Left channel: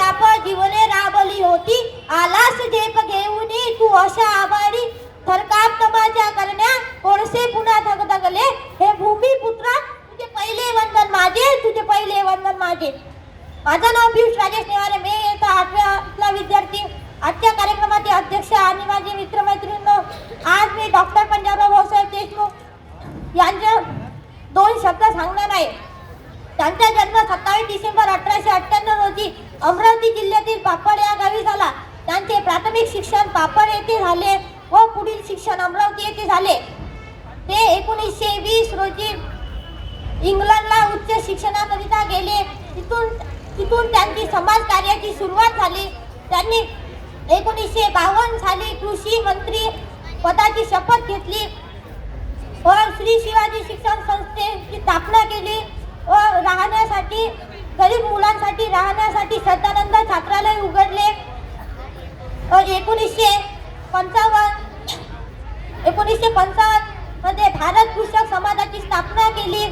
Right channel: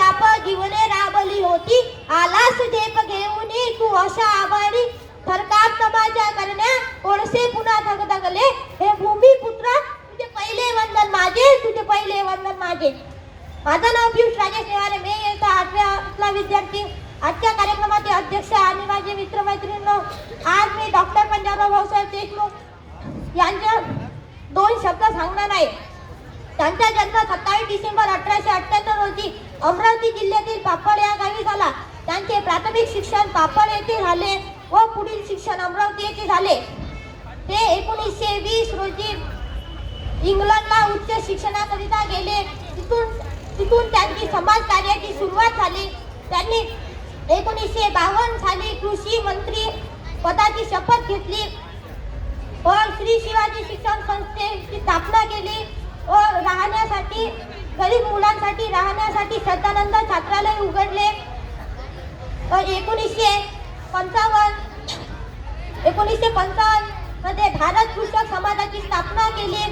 शाप जीवने राबली होती. आलास देप घेऊनी तू अशा आवाडी थरकाप तमाशा करण्या कोणसे पुन्हा धगधगले. हे भूमिपुत्रा तुझे पहिले वंदन माझे तुझे पहिले वंदन माझे. माझं नाव पियुष राजेश नेवारे. मी येता आठव्यातला विद्यार्थी. आजच्या कार्यक्रमाचे अध्यक्ष आणि माझे मित्रमैत्रिणी आज मी डॉक्टर पंजाबराव भाऊसाहेब देशमुख यांच्या दोन शब्द सांगणार आहे. त्यांचा जन्म सत्तावीस डिसेंबर अठराशे अठ्ठ्याण्णव रोजी अमरावती जिल्ह्यातील पापड या गावी झाला. त्यांचे प्राथमिक शिक्षण पापड येथे झाले व पुढील शिक्षण अमरावती येथे झाले. ते एकोणीसशे वीस रोजी इंग्लंडला उच्च शिक्षणाकरिता गेले. तिथून तिथून त्यांची समाज कार्याची सुरुवात झाली. त्यांनी एकोणीसशे बावन्न साली कृषी मंत्री पदाची शपथ घेतली. व श्री शिवाजी शिक्षण संस्था त्यांनी गरीब मुलांसाठी राहण्यासाठी श्रद्धानंद छात्रालय उघडले. एकोणीसशे पंचावन्न एकोणीसशे पंचावन्नमध्ये भारत कृषक समाजाची स्थापना केली.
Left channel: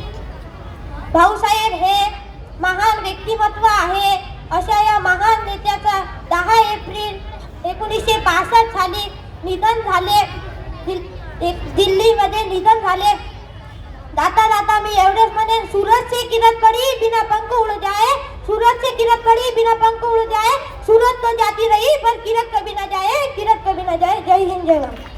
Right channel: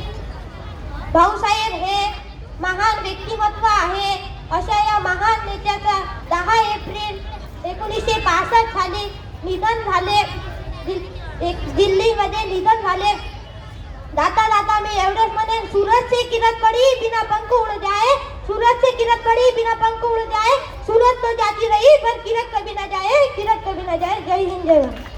भाऊसाहेब हे महान व्यक्तिमत्व आहे. अशा या महान नेत्याचा दहा एप्रिल एकोणीसशे पासष्ट साली निधन झाले. दिल्लीमध्ये निधन झाले. जाता जाता मी एवढेच म्हणेन सूरज से किरण पड़ी बिना पंख उड़ जाए सूरज से किरण पड़ी बिना पंख उड़ जाए सूरज तो जाती रही पर किरण कभी ना जाए किरण कभी ना जाए जय हिंद जय भारत